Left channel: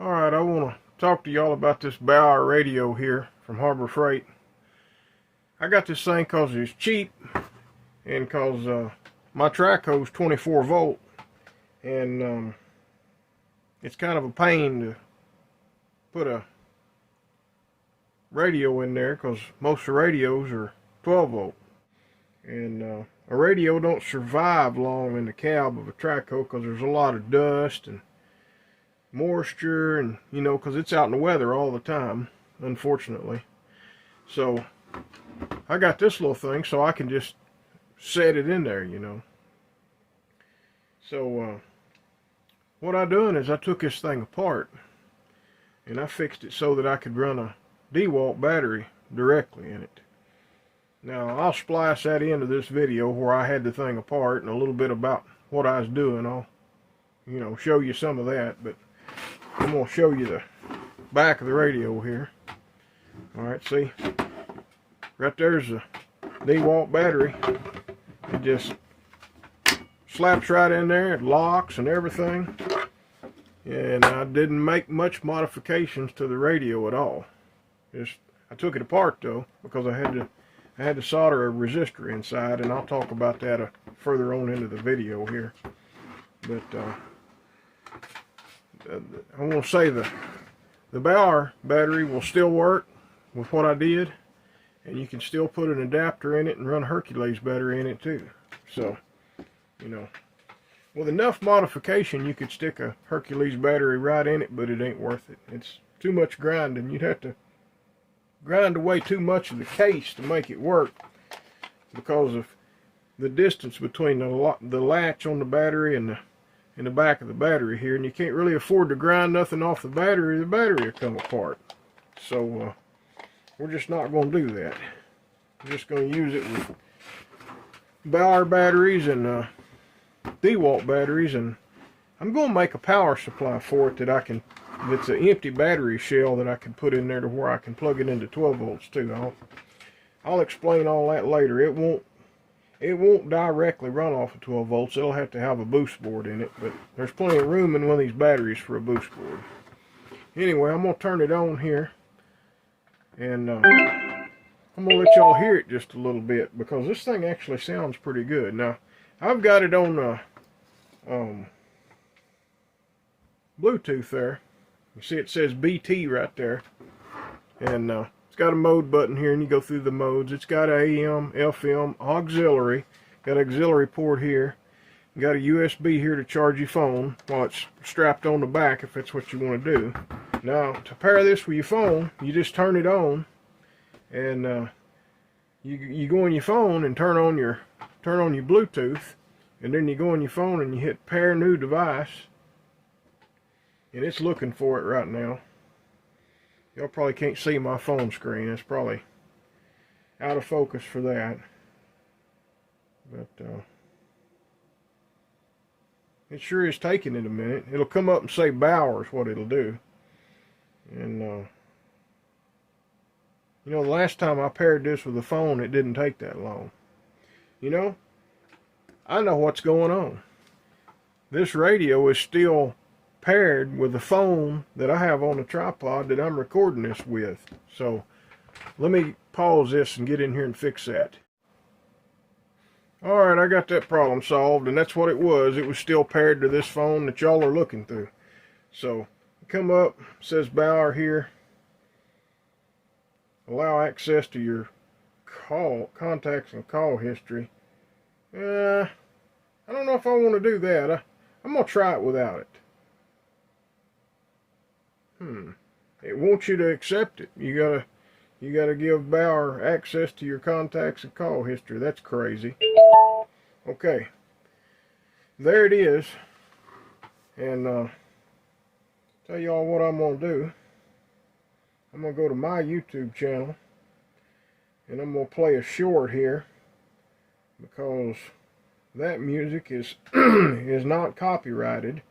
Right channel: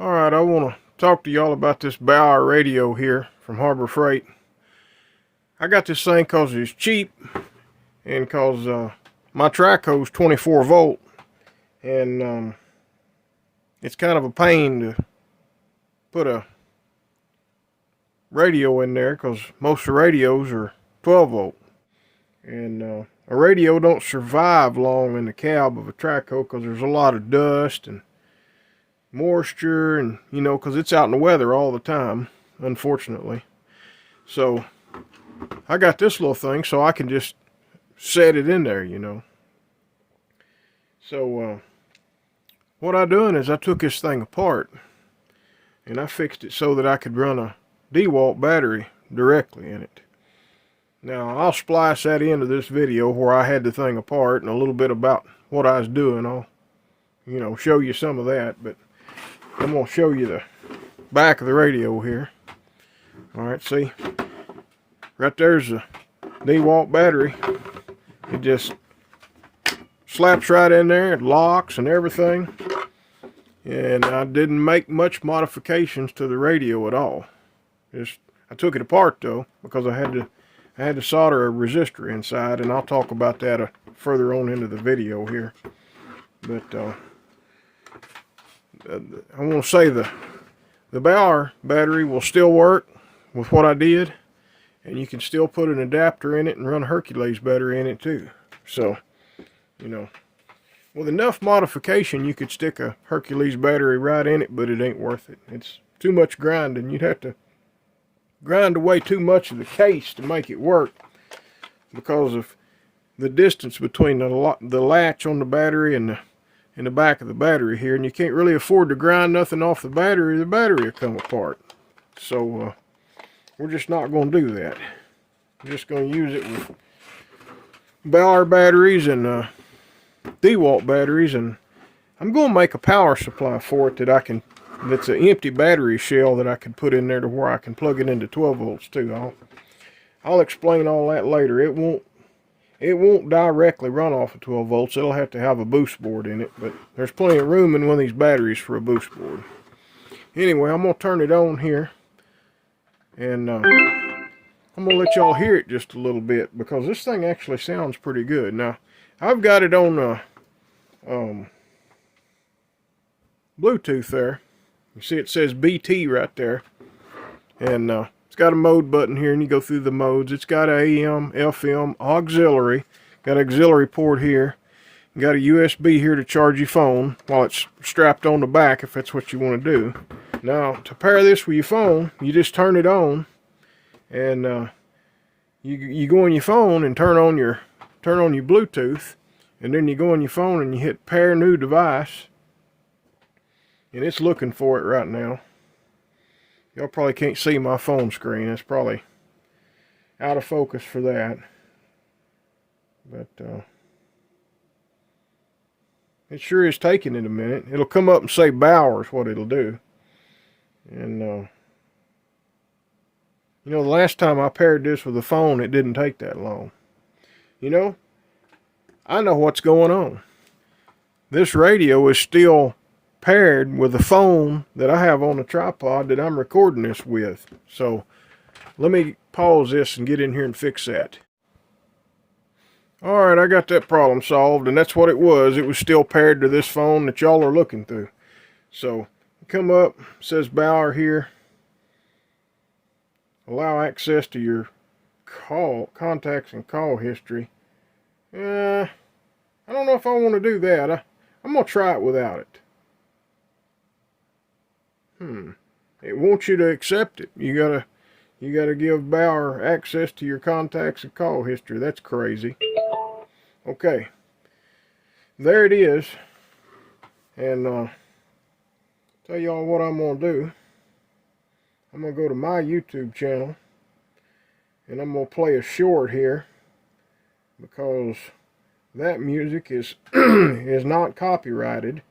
Alright, I want to talk to y'all about this Bauer radio here from Harbor Freight. I got this thing because it's cheap and because my Traco's 24 volt, and it's kind of a pain to put a radio in there because most of the radios are 12 volt, and a radio don't survive long in the cab of a Traco because there's a lot of dust and moisture, and because it's out in the weather all the time, unfortunately. So I got this little thing so I can just set it in there, So what I done is I took this thing apart and I fixed it so that I could run a Dewalt battery directly in it. Now I'll splice that into this video where I had the thing apart and a little bit about what I was doing. I'll show you some of that, but I'm going to show you the back of the radio here. Alright, see? Right there's the Dewalt battery. It just slaps right in there. It locks and everything. And I didn't make much modifications to the radio at all. I took it apart though, because I had to solder a resistor inside, and I'll talk about that further on into the video here. But I want to say the Bauer battery will still work with what I did, and you can still put an adapter in it and run a Hercules battery in it too. So, with enough modification you could stick a Hercules battery right in it, but it ain't worth it. It's too much grinding. You'd have to grind away too much of the case to make it work because of the distance between the latch on the battery and the back of the battery here, and you can't really afford to grind nothing off the battery will come apart. So we're just not going to do that. We're just going to use it with Bauer batteries and Dewalt batteries, and I'm going to make a power supply for it that's an empty battery shell that I can put in there to where I can plug it into 12 volts too. I'll explain all that later. It won't directly run off of 12 volts. It'll have to have a boost board in it, but there's plenty of room in one of these batteries for a boost board. Anyway, I'm going to turn it on here, and I'm going to let y'all hear it just a little bit, because this thing actually sounds pretty good. Now, I've got it on Bluetooth there. You see it says BT right there, and it's got a mode button here, and you go through the modes. It's got AM, FM, auxiliary, got an auxiliary port here, you got a USB here to charge your phone while it's strapped on the back if that's what you want to do. Now to pair this with your phone, you just turn it on, and you go on your phone and turn on your Bluetooth, and then you go on your phone and you hit pair new device, and it's looking for it right now. Y'all probably can't see my phone screen. It's probably out of focus for that. But it sure is taking it a minute. It'll come up and say Bauer is what it'll do. And the last time I paired this with a phone, it didn't take that long. I know what's going on. This radio is still paired with the phone that I have on a tripod that I'm recording this with. So let me pause this and get in here and fix that. Alright, I got that problem solved, and that's what it was. It was still paired to this phone that y'all are looking through. So come up, it says Bauer here. Allow access to your contacts and call history. I don't know if I want to do that. I'm going to try it without it. It wants you to accept it. You gotta give Bauer access to your contacts and call history. That's crazy. Okay, there it is. And tell y'all what I'm gonna do. I'm gonna go to my YouTube channel, and I'm gonna play a short here, because that music is is not copyrighted.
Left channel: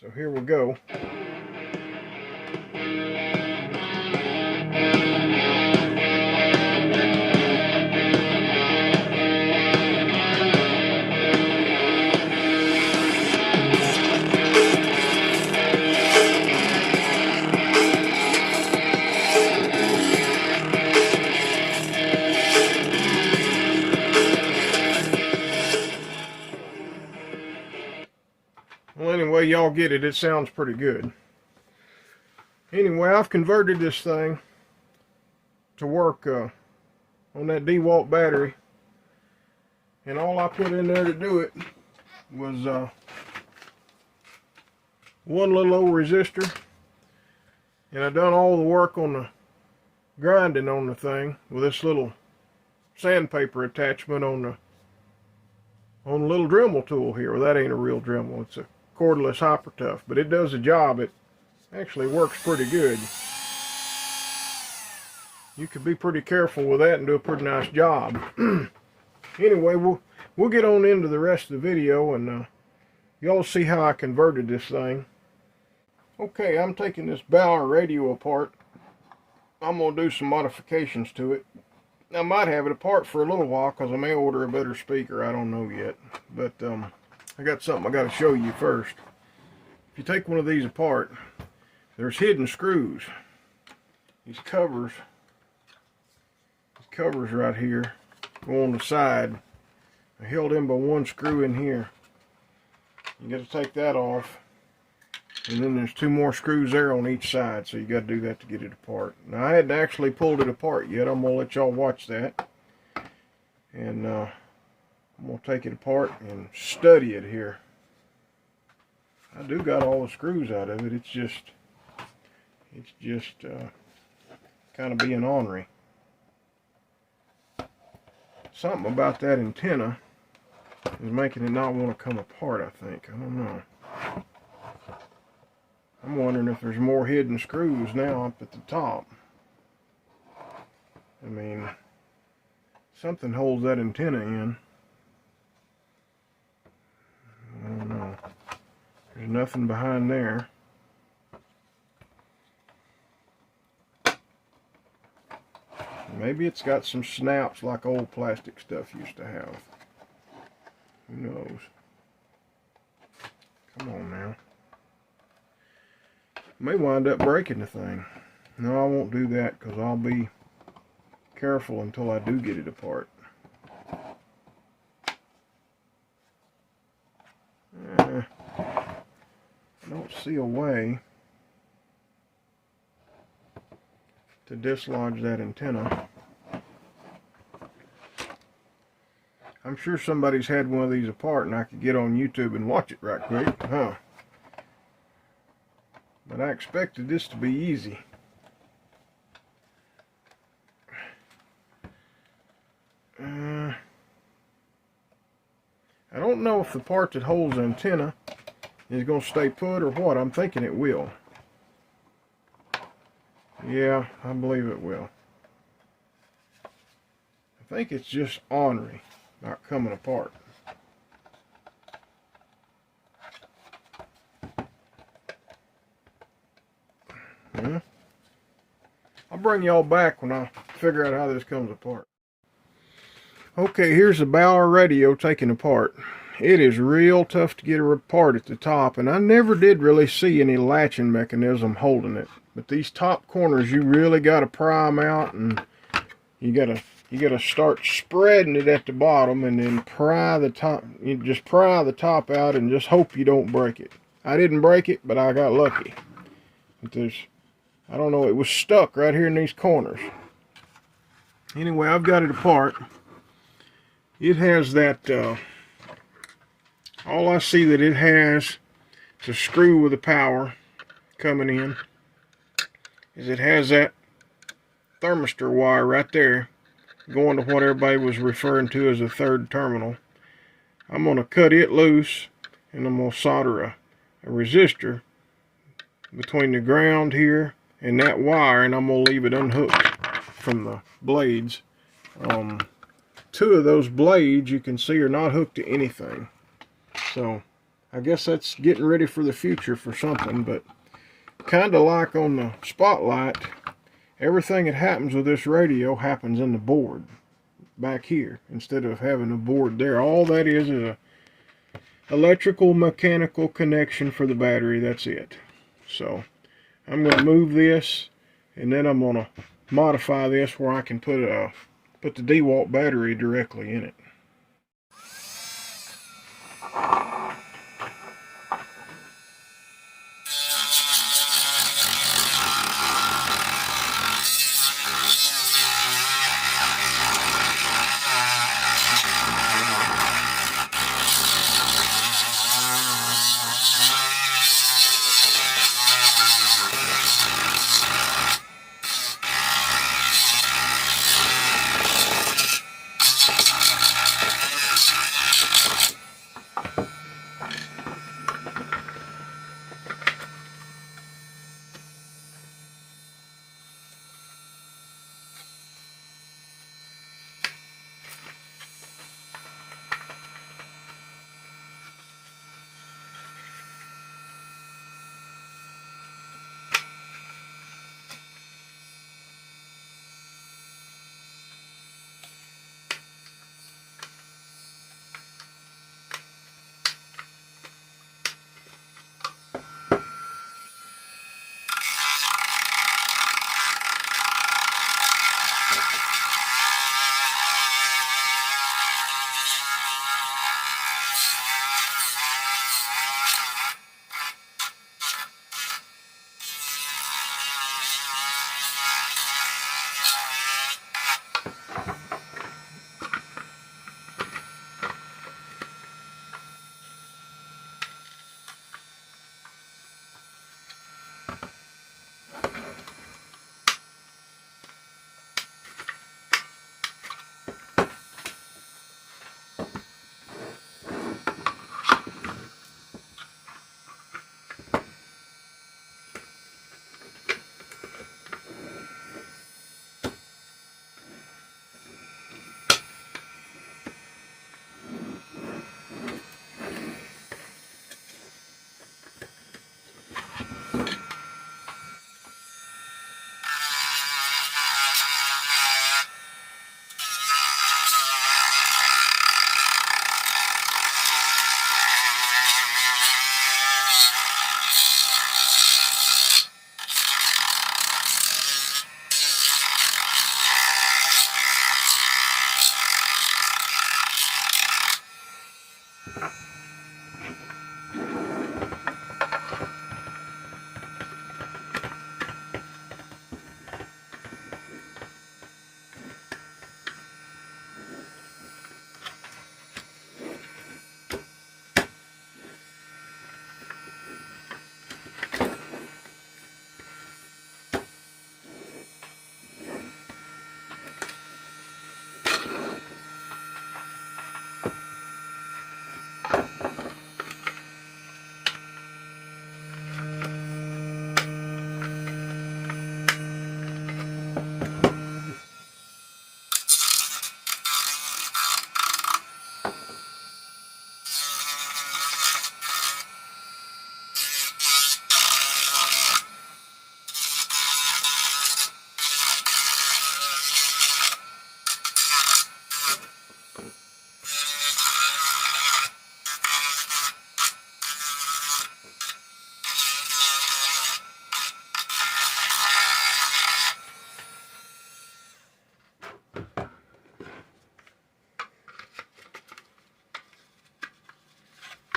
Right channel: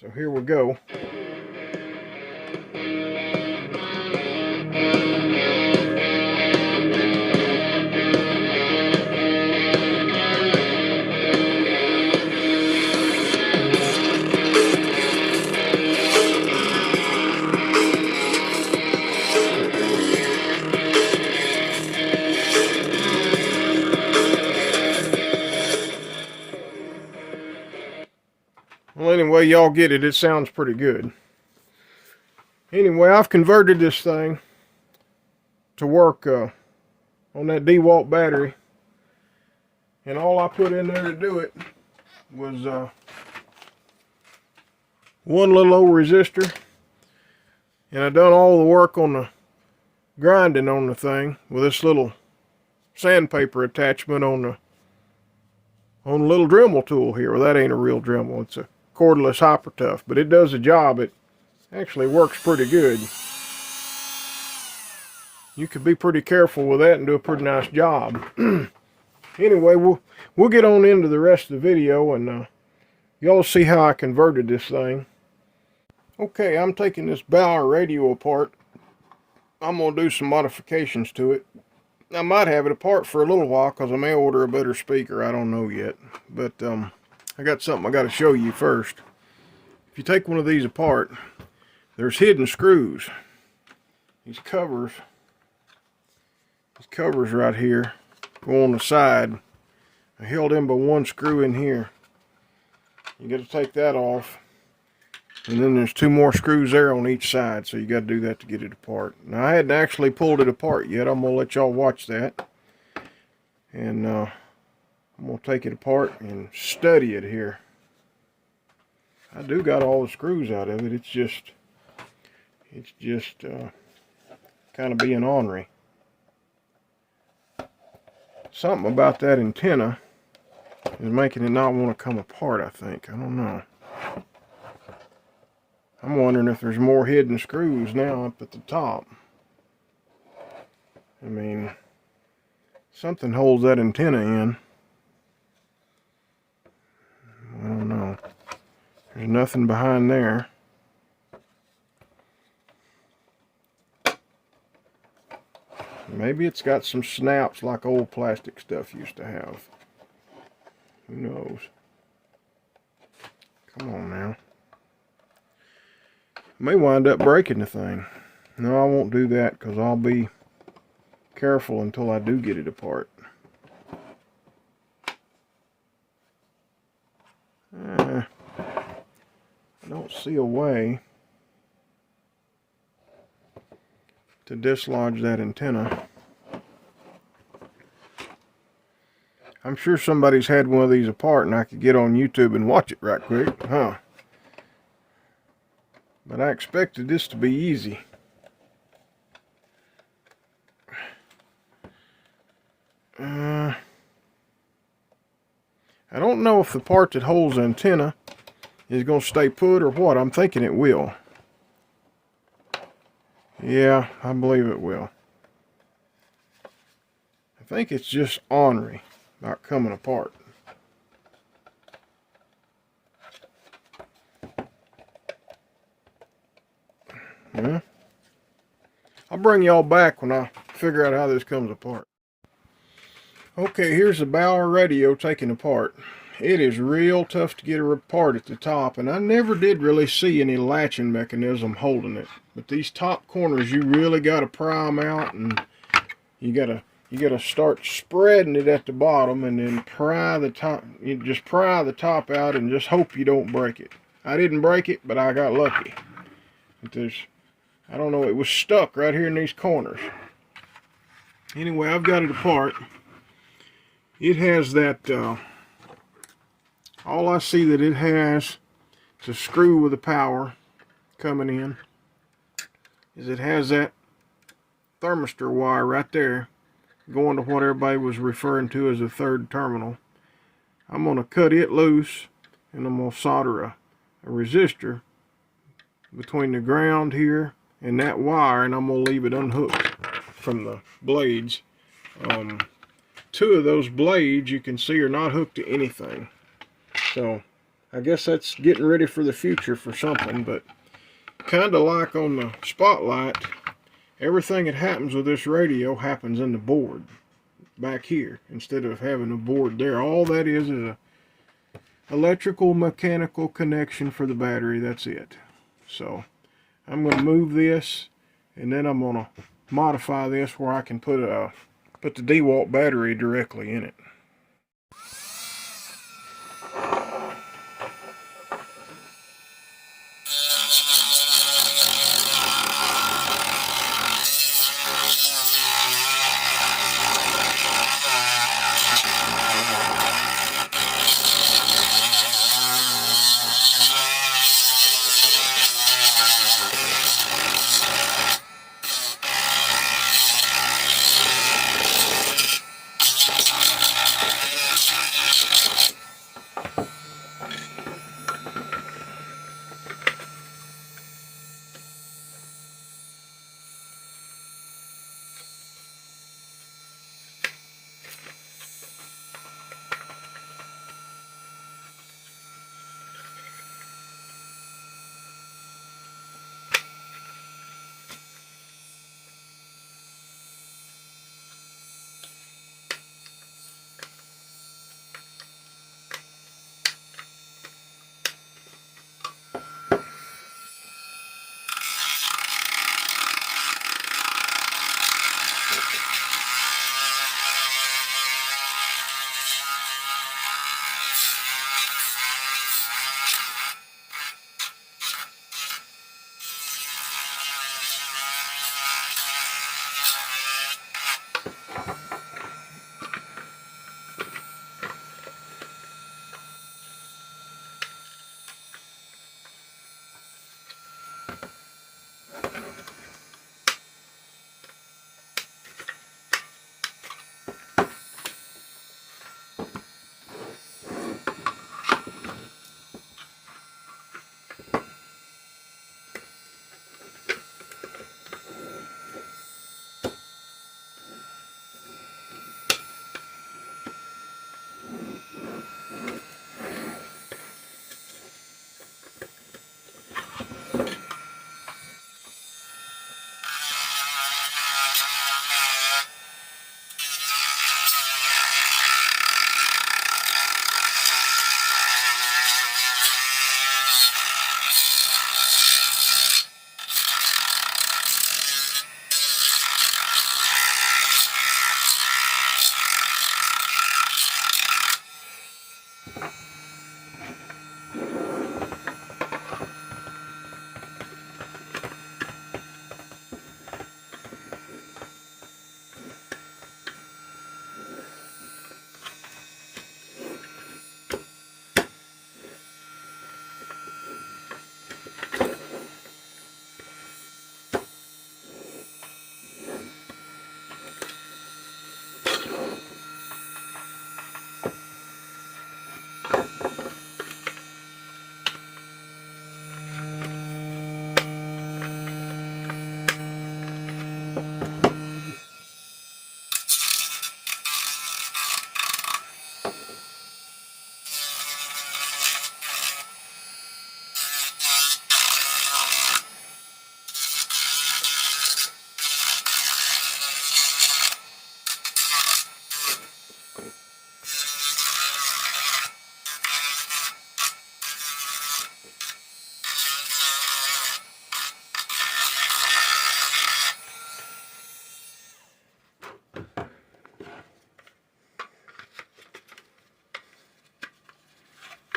So here we go. Well, anyway, y'all get it. It sounds pretty good. Anyway, I've converted this thing to work on that Dewalt battery. And all I put in there to do it was one little old resistor. And I done all the work on the grinding on the thing with this little sandpaper attachment on the little Dremel tool here. Well, that ain't a real Dremel. It's a cordless Hyper Tough, but it does the job. It actually works pretty good. You could be pretty careful with that and do a pretty nice job. Anyway, we'll get on into the rest of the video, and y'all see how I converted this thing. Okay, I'm taking this Bauer radio apart. I'm going to do some modifications to it. I might have it apart for a little while because I may order a better speaker. I don't know yet. But I got something I got to show you first. If you take one of these apart, there's hidden screws. These covers right here go on the side. I held in by one screw in here. You got to take that off. And then there's two more screws there on each side, so you got to do that to get it apart. Now, I hadn't actually pulled it apart yet. I'm going to let y'all watch that. And I'm going to take it apart and study it here. I do got all the screws out of it. It's just kind of being ornery. Something about that antenna is making it not want to come apart, I think. I don't know. I'm wondering if there's more hidden screws now up at the top. I mean, something holds that antenna in. I don't know. There's nothing behind there. Maybe it's got some snaps like old plastic stuff used to have. Who knows? Come on now. May wind up breaking the thing. No, I won't do that because I'll be careful until I do get it apart. I don't see a way to dislodge that antenna. I'm sure somebody's had one of these apart and I could get on YouTube and watch it right quick, huh? But I expected this to be easy. I don't know if the part that holds the antenna is going to stay put or what. I'm thinking it will. Yeah, I believe it will. I think it's just ornery, not coming apart. Yeah. I'll bring y'all back when I figure out how this comes apart. Okay, here's the Bauer radio taken apart. It is real tough to get it apart at the top, and I never did really see any latching mechanism holding it. But these top corners, you really got to pry them out, and you gotta start spreading it at the bottom, and then pry the top. You just pry the top out, and just hope you don't break it. I didn't break it, but I got lucky. But I don't know, it was stuck right here in these corners. Anyway, I've got it apart. It has that, all I see that it has to screw with the power coming in is it has that thermistor wire right there going to what everybody was referring to as the third terminal. I'm going to cut it loose and I'm going to solder a resistor between the ground here and that wire, and I'm going to leave it unhooked from the blades. Two of those blades you can see are not hooked to anything. So I guess that's getting ready for the future for something, but kind of like on the Spotlight, everything that happens with this radio happens in the board back here instead of having a board there. All that is a electrical mechanical connection for the battery. That's it. So I'm going to move this, and then I'm going to modify this where I can put the Dewalt battery directly in it.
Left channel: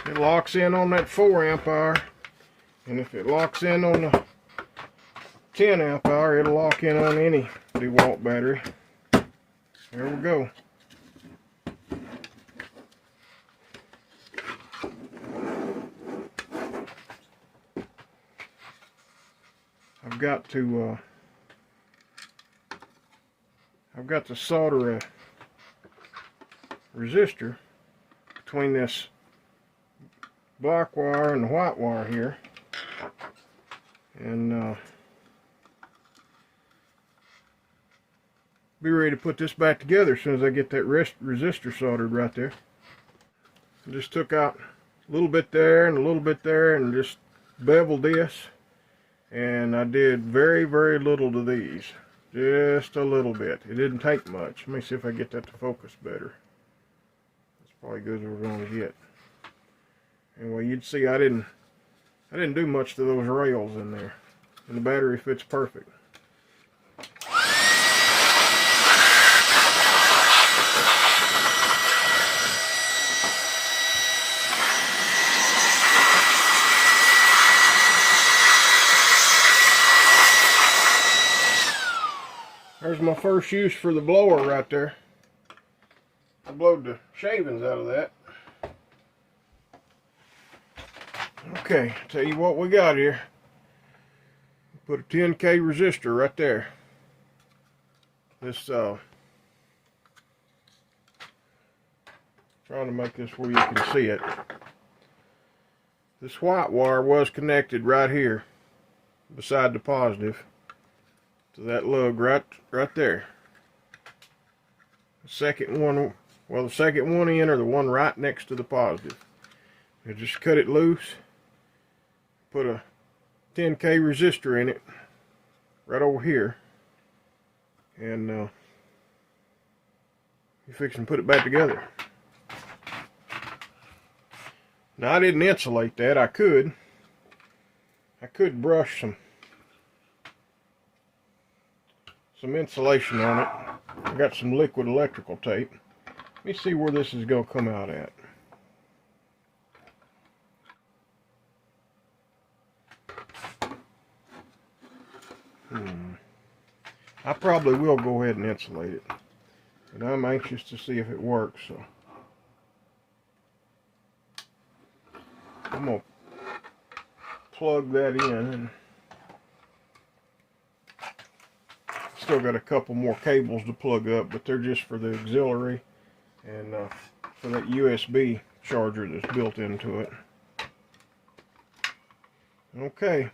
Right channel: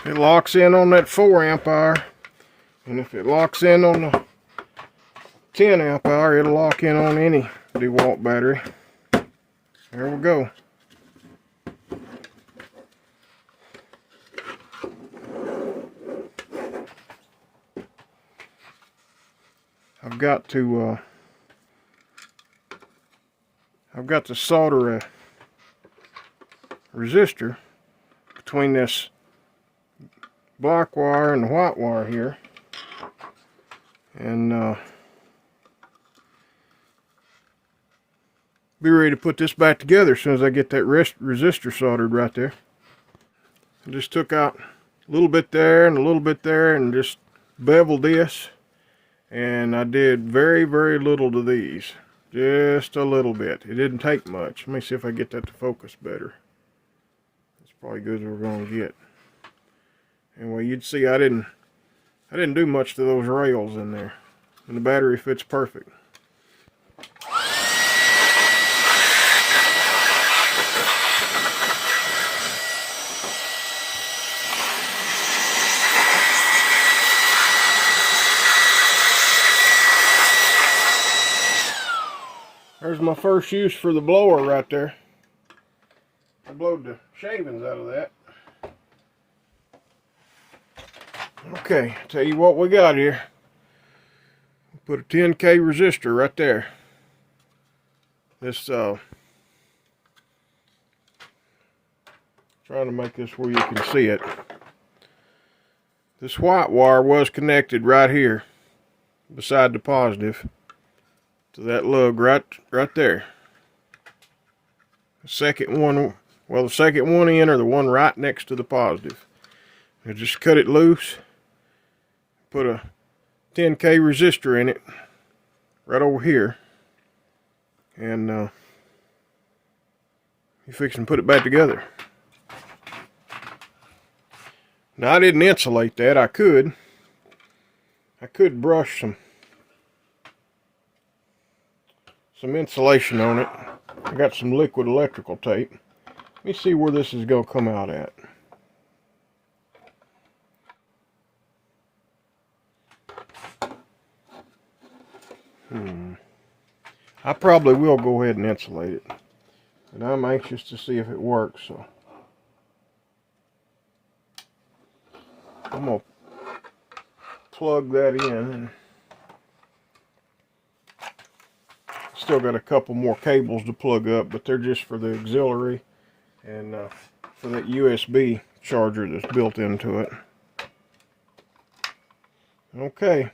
It locks in on that 4 amp hour, and if it locks in on the 10 amp hour, it'll lock in on any Dewalt battery. There we go. I've got to solder a resistor between this black wire and the white wire here, and be ready to put this back together as soon as I get that resistor soldered right there. I just took out a little bit there and a little bit there and just beveled this, and I did very, very little to these. Just a little bit. It didn't take much. Let me see if I get that to focus better. That's probably good as we're going to get. Anyway, you'd see I didn't do much to those rails in there, and the battery fits perfect. There's my first use for the blower right there. I blowed the shavings out of that. Okay, tell you what we got here. Put a 10K resistor right there. This trying to make this where you can see it. This white wire was connected right here beside the positive to that lug right there. The second one, well, the second one in, or the one right next to the positive. I just cut it loose, put a 10K resistor in it right over here, and you fix and put it back together. Now, I didn't insulate that. I could brush some insulation on it. I got some liquid electrical tape. Let me see where this is going to come out at. I probably will go ahead and insulate it, but I'm anxious to see if it works, so I'm going to plug that in. And still got a couple more cables to plug up, but they're just for the auxiliary and for that USB charger that's built into it. Okay,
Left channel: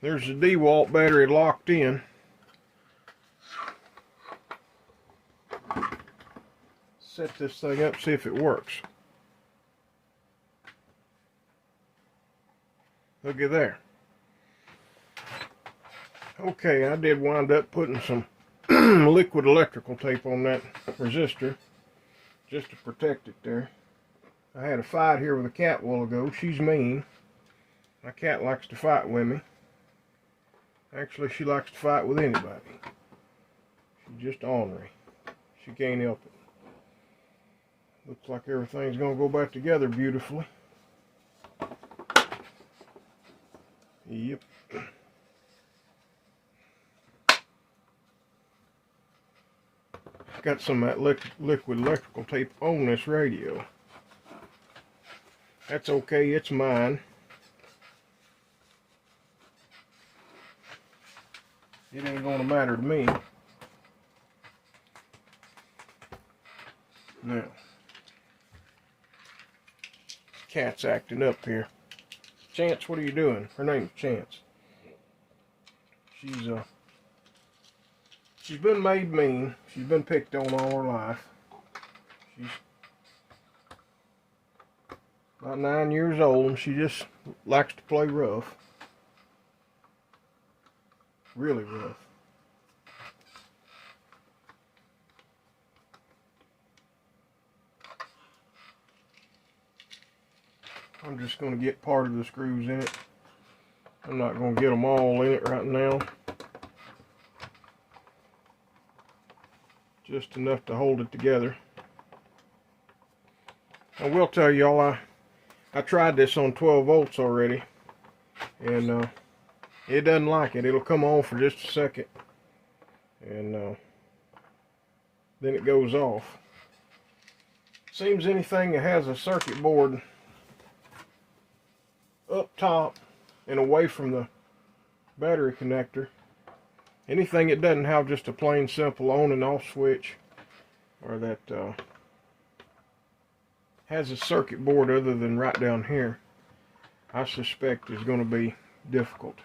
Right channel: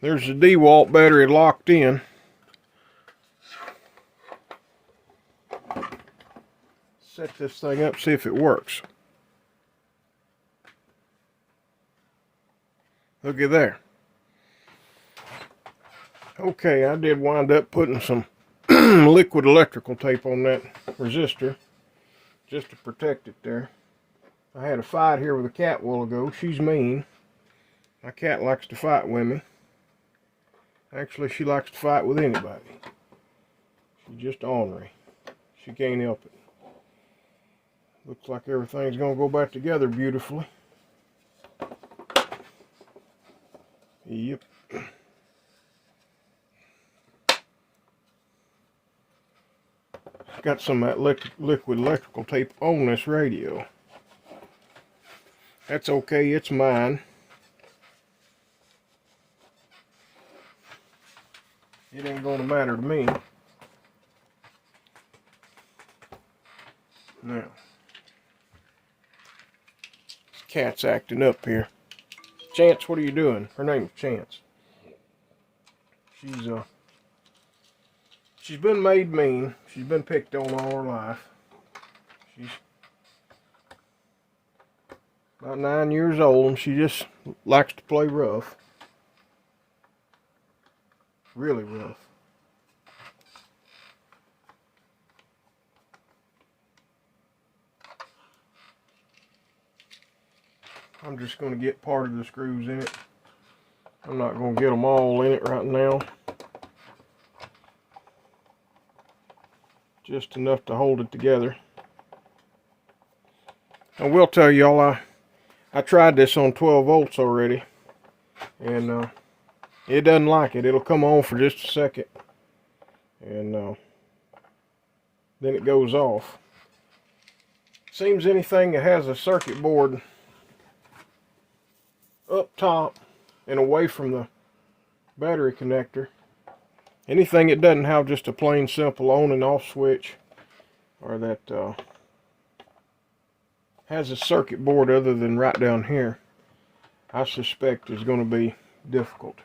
there's the Dewalt battery locked in. Set this thing up, see if it works. Looky there. Okay, I did wind up putting some liquid electrical tape on that resistor just to protect it there. I had a fight here with a cat a while ago. She's mean. My cat likes to fight with me. Actually, she likes to fight with anybody. She's just ornery. She can't help it. Looks like everything's going to go back together beautifully. Yep. Got some of that liquid electrical tape on this radio. That's okay, it's mine. It ain't gonna matter to me. Now, this cat's acting up here. Chance, what are you doing? Her name's Chance. She's been made mean. She's been picked on all her life. She's about 9 years old, and she just likes to play rough. Really rough. I'm just going to get part of the screws in it. I'm not going to get them all in it right now. Just enough to hold it together. I will tell y'all, I tried this on 12 volts already, and it doesn't like it. It'll come on for just a second, and then it goes off. Seems anything that has a circuit board up top and away from the battery connector, anything that doesn't have just a plain simple on and off switch, or that has a circuit board other than right down here, I suspect is going to be difficult.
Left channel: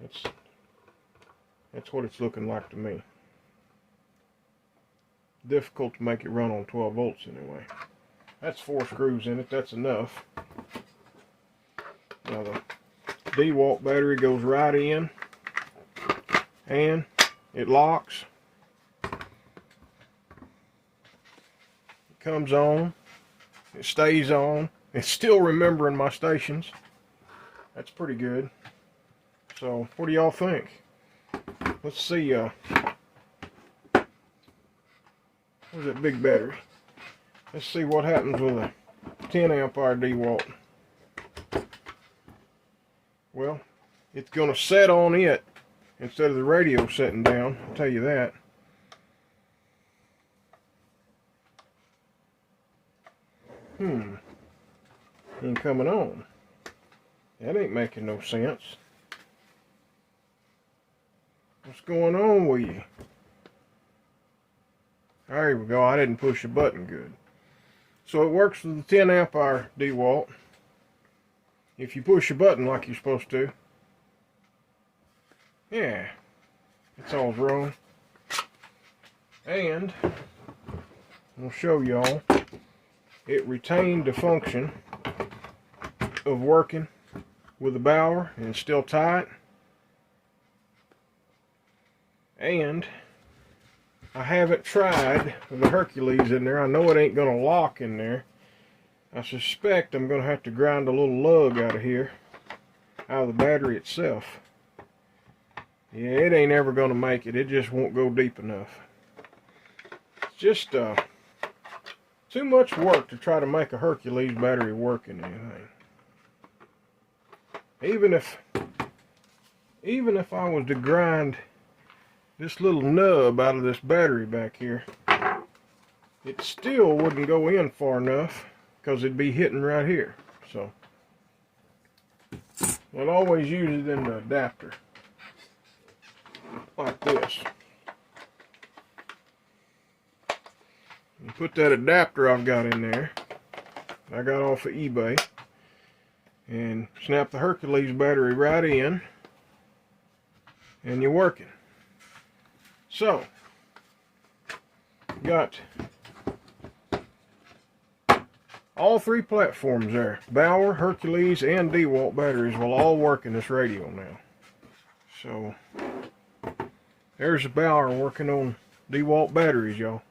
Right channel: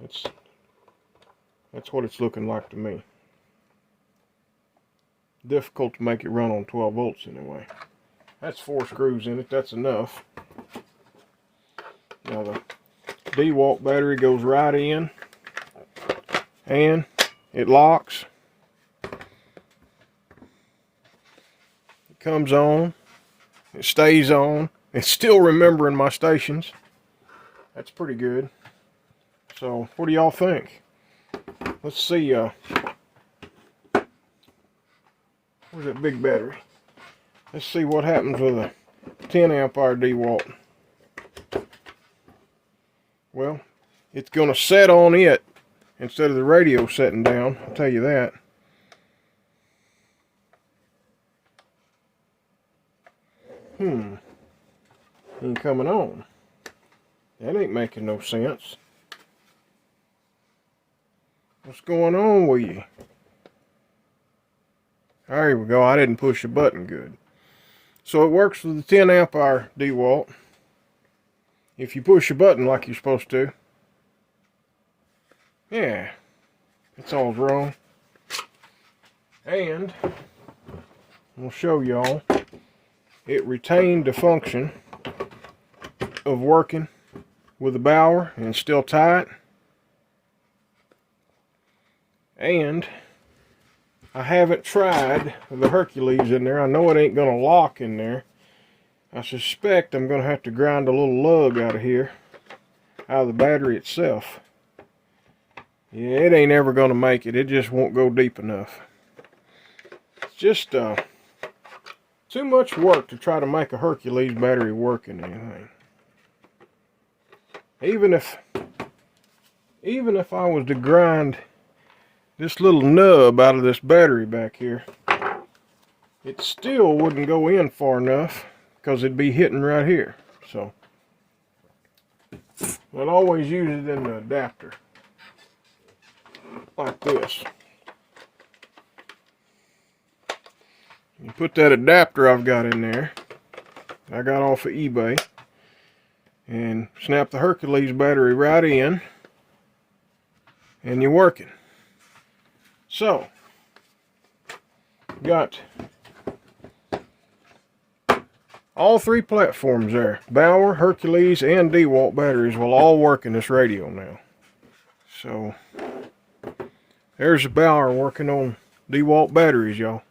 That's what it's looking like to me. Difficult to make it run on 12 volts anyway. That's 4 screws in it. That's enough. Now the Dewalt battery goes right in, and it locks. It comes on. It stays on. It's still remembering my stations. That's pretty good. So, what do y'all think? Let's see. Where's that big battery? Let's see what happens with a 10 amp hour Dewalt. Well, it's going to set on it instead of the radio setting down, I'll tell you that. Ain't coming on. That ain't making no sense. What's going on with you? There we go. I didn't push the button good. So it works with the 10 amp hour Dewalt. If you push the button like you're supposed to. Yeah. It's all wrong. And I'll show y'all. It retained the function of working with the Bauer and still tight. And I haven't tried with the Hercules in there. I know it ain't gonna lock in there. I suspect I'm gonna have to grind a little lug out of here, out of the battery itself. Yeah, it ain't ever gonna make it. It just won't go deep enough. It's just too much work to try to make a Hercules battery work in anything. Even if I was to grind this little nub out of this battery back here, it still wouldn't go in far enough because it'd be hitting right here. So I'd always use it in the adapter like this. You put that adapter I've got in there, I got off of eBay, and snap the Hercules battery right in, and you're working. So, got all 3 platforms there. Bauer, Hercules, and Dewalt batteries will all work in this radio now. So, there's the Bauer working on Dewalt batteries, y'all.